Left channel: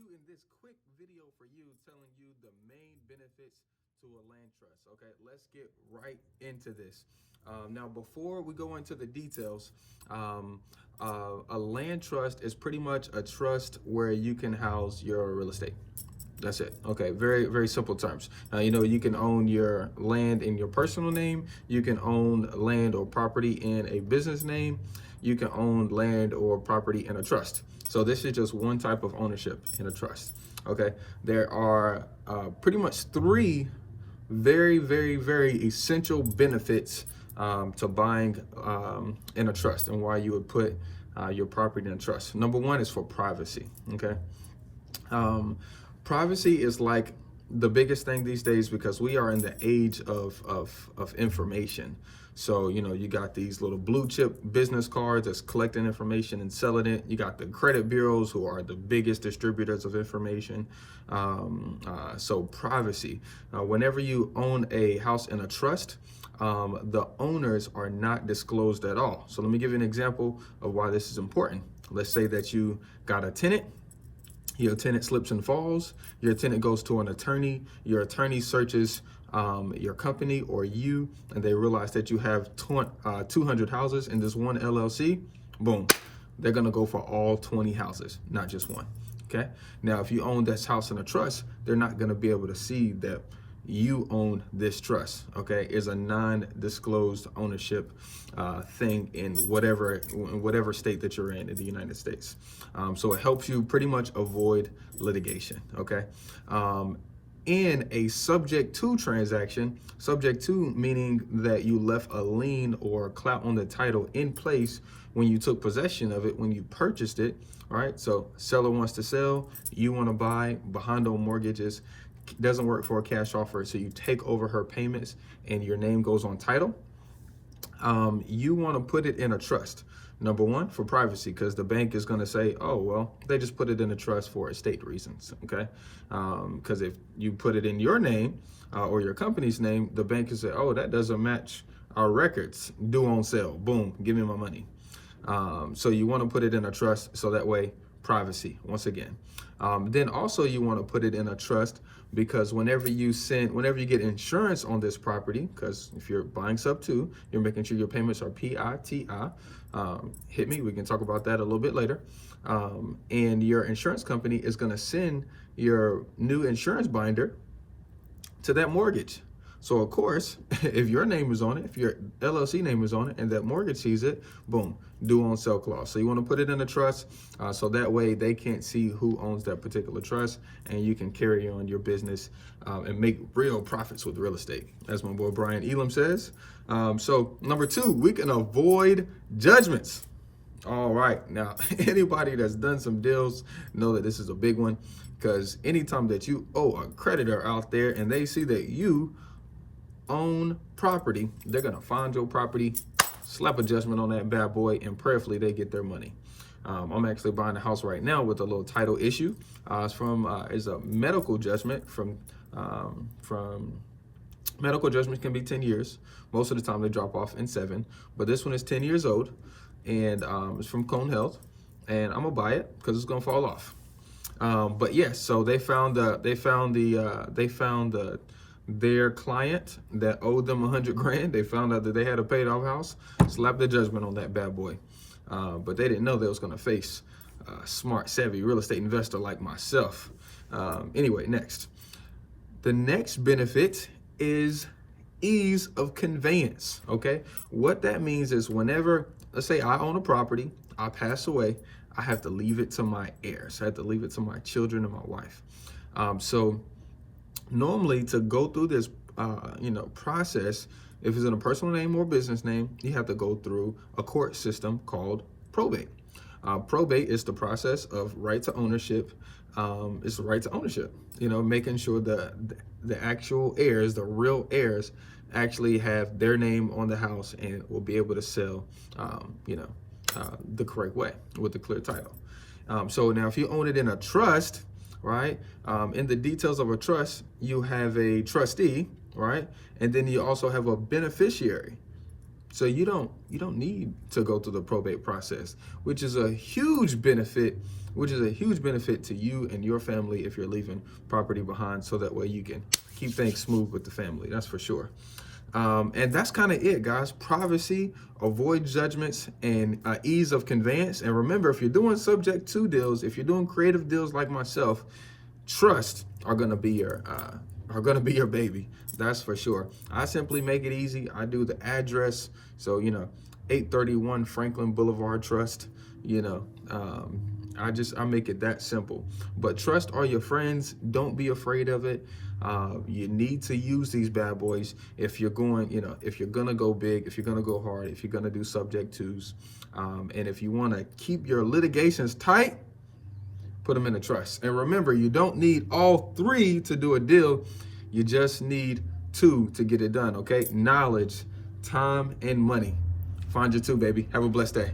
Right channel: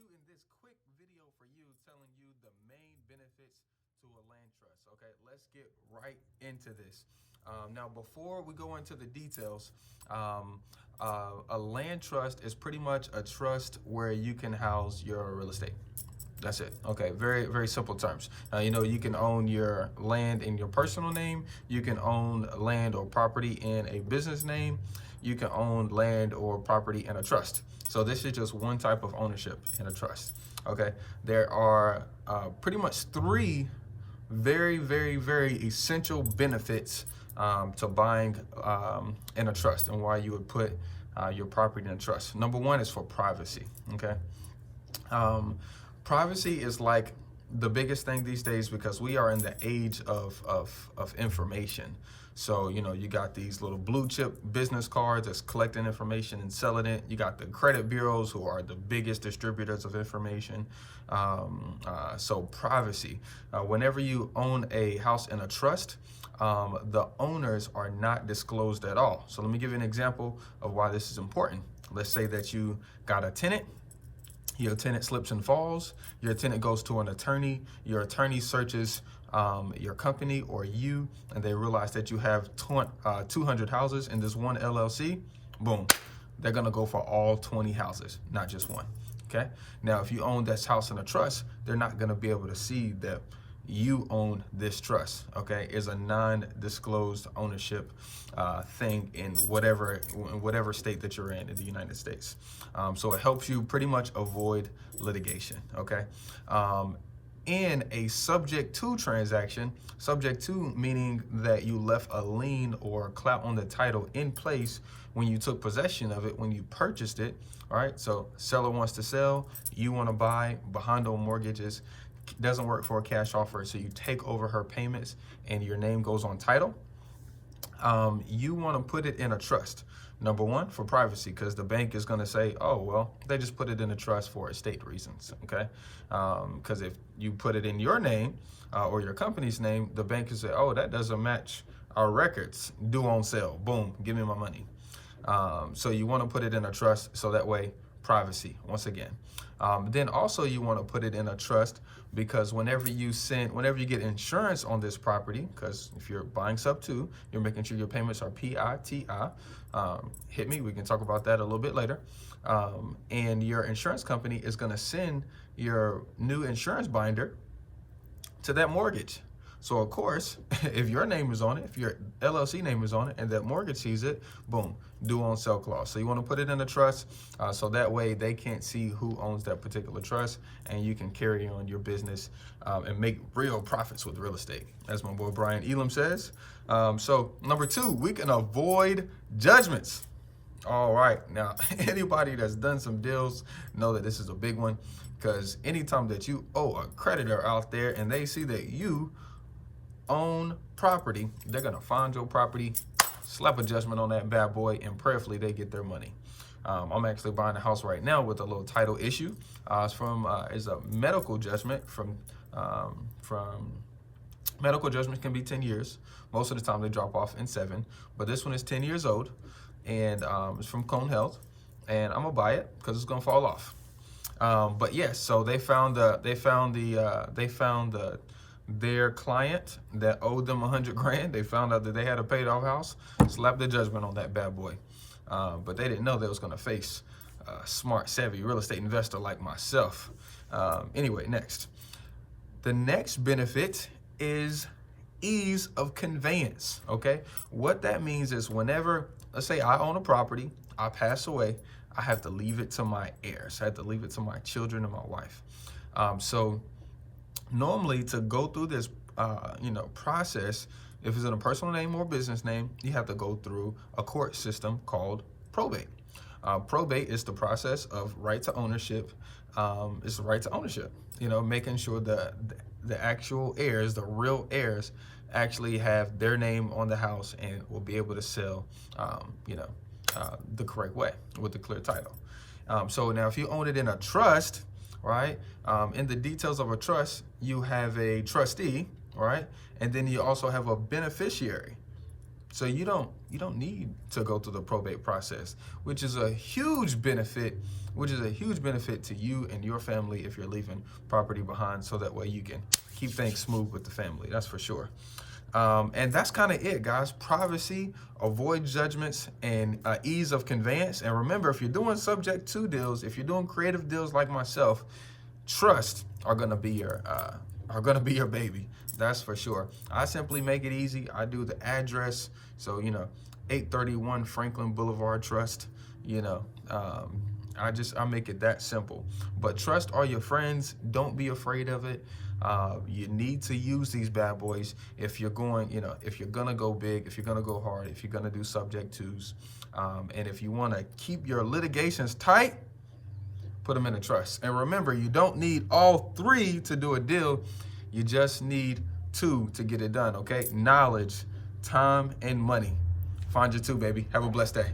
shooting this quick video for you, telling you the main benefits to a land trust. Okay, let's get right into this. Now, before we go into the details, a land trust is pretty much a trust where you can house your real estate. That's it. Okay, very, very simple terms. You can own your land in your personal name. You can own land or property in a business name. You can own land or property in a trust. So this is just one type of ownership in a trust. Okay, there are pretty much three very, very, very essential benefits to buying in a trust, and why you would put your property in a trust. Number one is for privacy. Okay. Privacy is like the biggest thing these days because we are in the age of information. So, you got these little blue chip business cards that's collecting information and selling it. You got the credit bureaus who are the biggest distributors of information. So privacy, whenever you own a house in a trust, the owners are not disclosed at all. So let me give you an example of why this is important. Let's say that you got a tenant. Your tenant slips and falls. Your tenant goes to an attorney. Your attorney searches your company or you, and they realize that you have 200 houses in this one LLC. Boom. They're going to go for all 20 houses, not just one. Okay. Now, if you own this house in a trust, they're not going to be able to see that you own this trust. Okay. It's a non-disclosed ownership thing in whatever state that you're in the United States. So it helps you pretty much avoid litigation. Okay. In a subject to transaction, subject to meaning that you left a lien or clout on the title in place when you took possession of it, when you purchased it. All right. So seller wants to sell, you want to buy, behind on mortgages, doesn't work for a cash offer. So you take over her payments and your name goes on title. You want to put it in a trust. Number one, for privacy, because the bank is going to say, oh, well, they just put it in a trust for estate reasons. Okay. Because if you put it in your name or your company's name, the bank can say, oh, that doesn't match our records. Due on sale. Boom. Give me my money. So you want to put it in a trust. So that way, privacy, once again. Then also you want to put it in a trust because whenever you get insurance on this property, because if you're buying sub two, you're making sure your payments are PITI. Hit me, we can talk about that a little bit later. And your insurance company is going to send your new insurance binder to that mortgage. So of course, if your name is on it, if your LLC name is on it, and that mortgage sees it, boom, due on sale clause. So you want to put it in a trust, so that way they can't see who owns that particular trust, and you can carry on your business and make real profits with real estate, as my boy Brian Elam says. So number two, we can avoid judgments. All right, now anybody that's done some deals know that this is a big one, because anytime that you owe a creditor out there and they see that you own property, they're gonna find your property, slap a judgment on that bad boy, and prayerfully they get their money. I'm actually buying a house right now with a little title issue. It's a medical judgment from medical judgments can be 10 years. Most of the time they drop off in 7, but this one is 10 years old, and it's from Cone Health, and I'm gonna buy it because it's gonna fall off. But yes, so they found their client that owed them 100 grand. They found out that they had a paid off house, slapped the judgment on that bad boy. But they didn't know they was going to face a smart, savvy real estate investor like myself. Anyway, next. The next benefit is ease of conveyance. Okay. What that means is whenever, let's say I own a property, I pass away, I have to leave it to my heirs. I have to leave it to my children and my wife. So normally to go through this, process, if it's in a personal name or business name, you have to go through a court system called probate. Probate is the process of right to ownership. It's the right to ownership, making sure the actual heirs, the real heirs, actually have their name on the house and will be able to sell, the correct way with the clear title. So now if you own it in a trust, right? In the details of a trust, you have a trustee, right? And then you also have a beneficiary. So you don't need to go through the probate process, which is a huge benefit, to you and your family if you're leaving property behind, so that way you can keep things smooth with the family. That's for sure. And that's kind of it, guys. Privacy, avoid judgments, and ease of conveyance. And remember, if you're doing subject to deals, if you're doing creative deals like myself, trust are gonna be your baby. That's for sure. I simply make it easy. I do the address, so 831 Franklin Boulevard Trust. I make it that simple. But trust are your friends. Don't be afraid of it. You need to use these bad boys if you're if you're gonna go big, if you're gonna go hard, if you're gonna do subject twos, and if you want to keep your litigations tight, put them in a trust. And remember, you don't need all three to do a deal. You just need two to get it done, okay? Knowledge, time, and money. Find your two, baby. Have a blessed day.